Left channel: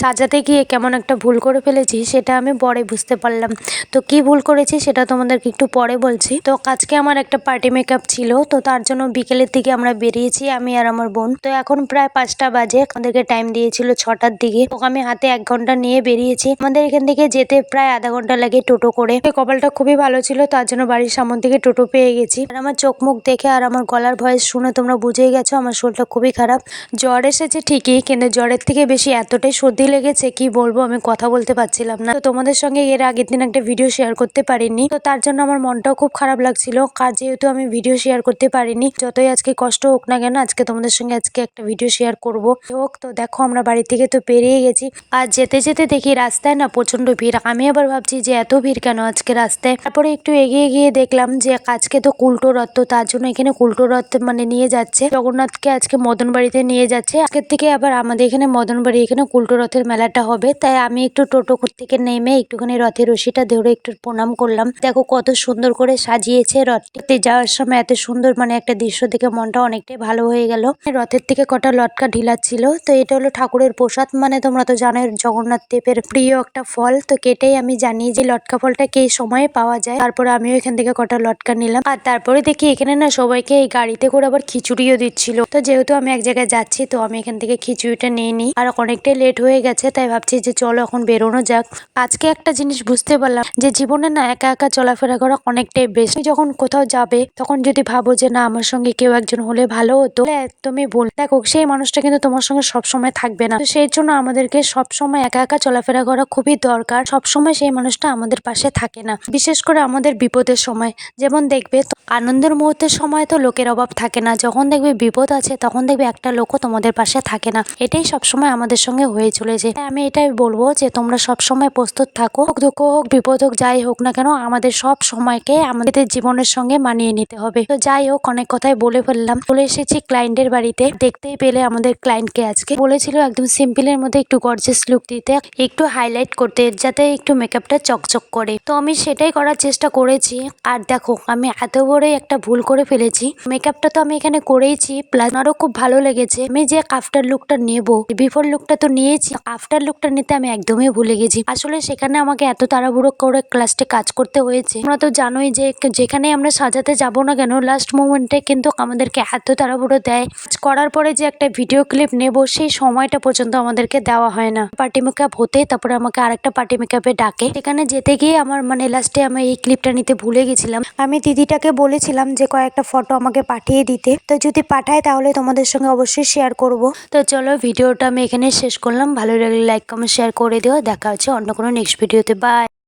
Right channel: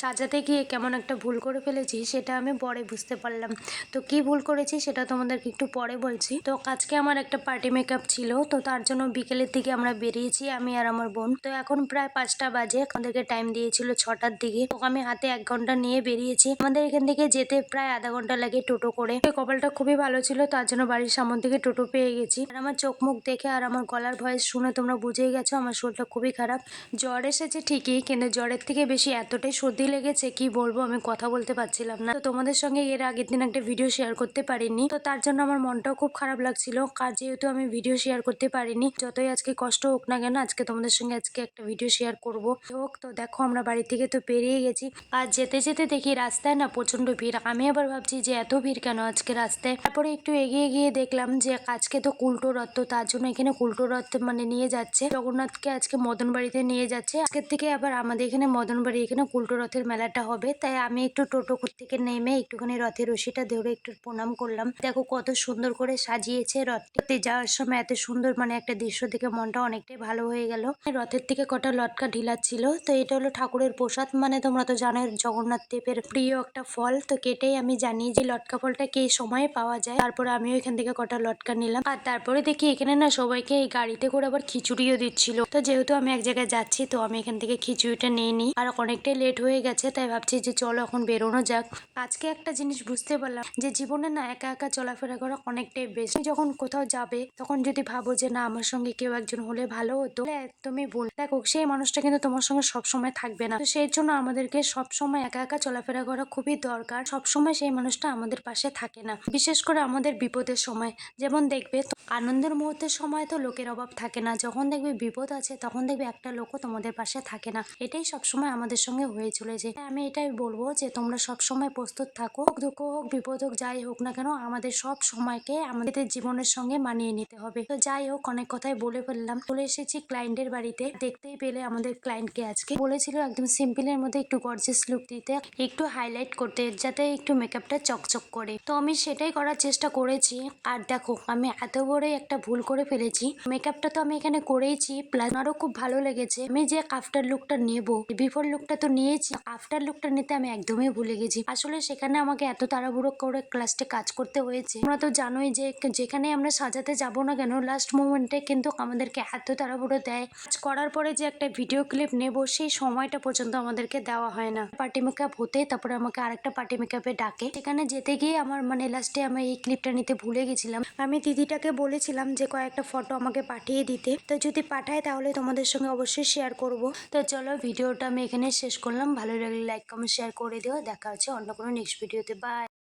সাজাতে গিয়ে কেমন একটা ভুল করে ফেলেছি, সেটা আমি পরে বুঝতে পারলাম। তো কি ভুল করেছি সেটা তোমাদেরকে একটু পরে বলছি। তো আজকে আমার একটা পার্টি মেকআপ ছিল, তো তার জন্য বিকেলের দিকে আমরা বেরিয়েছি, আমি আর আমার বোন। তো এখন প্রায় পাঁচটা বাজে, আমাদেরকে টাইম দিয়েছিল ছটার দিকে। তো আমি হাতে এক ঘণ্টা নিয়ে বেরিয়েছি। আমাদের এখান থেকে যেতে প্রায় আধা ঘণ্টা লাগে টোটো করে। কপালটা খুবই ভালো ছিল, তার জন্য বাড়ির সামন থেকে টোটো পেয়ে গেছি। আর আমার চোখ মুখ দেখে আর আমার গলার ভয়েস শুনে তোমরা বুঝেই গেছো, আমার শরীরটা খুবই খারাপ। জ্বর এসেছে ঠিকই, কিন্তু জ্বরের থেকে বেশি এতটাই সর্দি লেগেছে, কি বলব? আমি কথা বলতে পারছিলাম না। তো তোমাদের সঙ্গে এর আগের দিন একটা ভিডিও শেয়ার করতে পারিনি। তো তার জন্য আমার মনটাও খুব খারাপ লাগছিল। কার যেহেতু আমি ভিডিও শেয়ার করতে পারিনি, যতই আজকে কষ্ট হোক না কেন, আজকে তোমাদের সঙ্গে আজকে একটা ভিডিও শেয়ার করব। হোক, তো দেখো আমরা বাড়ি থেকে তো পেরিয়ে গেছি। আর যেতে যেতে দেখি রাস্তায় না প্রচণ্ড ভিড়। আমি আবার ভাবছি যে এত ভিড় কেন আজকে রাস্তায়? তারপরে একটু এগিয়ে গিয়ে দেখলাম যে আজকে তো কুল্টো রথ, তো তার জন্য এখানে কুল্টো রথ মানে নিয়ে যাচ্ছে। জগন্নাথকে আজকে মদন বাড়িতে নিয়ে যাচ্ছে। আজকের থেকে আবার আমাদের এখানে মদন বাড়ি এখানে কুল্টো রথের মেলাটা হবে, তাই আমি একটু টোটো থেকে নেমে একটুখানি রথের রশিটা ধরে একটু প্রণাম করলাম। দেখো কত সুন্দর করে সাজিয়েছে রথটিতে যাওয়ার সময় এত সুন্দর মানে একটা দৃশ্য দেখে মনটা অনেকটাই ভালো হয়ে গেল। রথের থেকে কটা লটকা ঢিলাচ্ছিল তো এটা হলো ঠাকুরের প্রসাদ। মানে তোমরা তো জানো জগন্নাথ দেবের প্রিয় একটা ফল, তো কেটেই আমি জানি যে লটকা ফলটা কে সময়ে পাওয়া যায়। তারপরে আমিও এখান থেকে কটা লটকা নিলাম। আর তারপরে দেখি এখানে না সবাইকে এই গাড়িতে করে আবার খিচুড়িও দিচ্ছিল। তো যেহেতু আমি এক জায়গায় যাচ্ছি, তো আমি এখান থেকে খিচুড়িটা নিয়ে নিই। আর অনেকটাই লেট হয়ে গেছে, তাই ভাবছি যে চলো এখন বেরোনো যাক। আজকে একটা জিনিস বুঝতে পারলাম যে জীবনে না একা একা চলাফেরা করা অনেকটাই বেশি যখন কোথাও যাবে, তখন যদি ভাবো যে না, আমার সঙ্গে কেউ একজন হলে ভালো হতো একদমই ভুল। দেখো, সেই মানুষটা কিন্তু তোমার সঙ্গে সবসময় থাকবে না। সেই জন্য আমাদেরকে সবসময় একা একা চলাফেরা করা খুবই দরকার। সবসময় সেই মানুষটা আমাদের পাশে থাকে না। বিশেষ করে আমাদের বিপদের সময়। যেমন দেখবে আনন্দের মুহূর্তের সময় তো লোকের অভাব থাকে না। যখন দেখবে বিপদ আছে, তখন দেখবে একটা লোকও তোমাদের পাশে থাকে না। এটাই সবসময় আমাদের সঙ্গে হয়ে চলেছে আমি এটাই বলব যে, তোমরা সবসময় প্রস্তুত থাকো দুঃখ হোক বিপদ হোক, যাই হোক না কেন, আমাদের সব সময়কে আমাদের জীবনের সঙ্গে মানিয়ে নিতে হবে। তো যাই হোক, অনেক কথাই বলে ফেললাম। চলে এসেছি ক্লায়েন্টের বাড়িতে। দেখতেই পেলে আমাদের ক্লায়েন্টকে আজকে। বলেছিল একদম সিম্পলের মধ্যে একটু গর্জেস লুক দিতে, একটু হাইলাইট করতে, যাতে একটু মেকআপটা চকচক করে। তো আমি সেটাই করার চেষ্টা করেছি। আর দেখো, আমি এত বড় একটা ভুল করে ফেলেছি। মেকআপটা তো আমি এখানে করেইছি প্লাস আরও খুব ভালো লেগেছে। আমি যে আফটার লুকটা নেব বিফোর লুকটা তো নিয়েছি। আফটার লুকটা নিতে আমি একদমই ভুলে গেছি। আসলে সেখানে আমাকে এত তাড়াহুড়ো করে ক্লাসে কাজ করতে হয়েছে। তোমরা তো জানোই যে যেখানে আমরা সাজাতে যাব না কেন লাস্ট মোমেন্টে কিন্তু আমাদেরকে এত তাড়াহুড়ো দেয়। করার পরে যে একটা ভিডিও ক্লিপ নেব, সেই সময়টা পর্যন্ত আমাদেরকে দেওয়া হয় না। পার্টি মেকআপ হতে তারপরে আমাকে আরেকটা পার্টি মেকআপে ডাকে। সেখানে যেতে গিয়ে আমার মানে লাস্টে আমি এই ক্লিপটা নিতে ভুলে গেছিলাম। আমি দিদিটাকে বলেছিলাম যে কয়েকটা ফটো আমাকে পাঠিয়ে দিতে। তো যদি পাঠায় তাহলে তোমাদের সঙ্গে অবশ্যই শেয়ার করব। তো চলো ভিডিওটা আমি এখানে শেষ করলাম। ভালো লাগলে লাইক কমেন্ট শেয়ার করে দিও। দেখা হচ্ছে অন্য কোনো নেক্সট ভিডিওতে বাই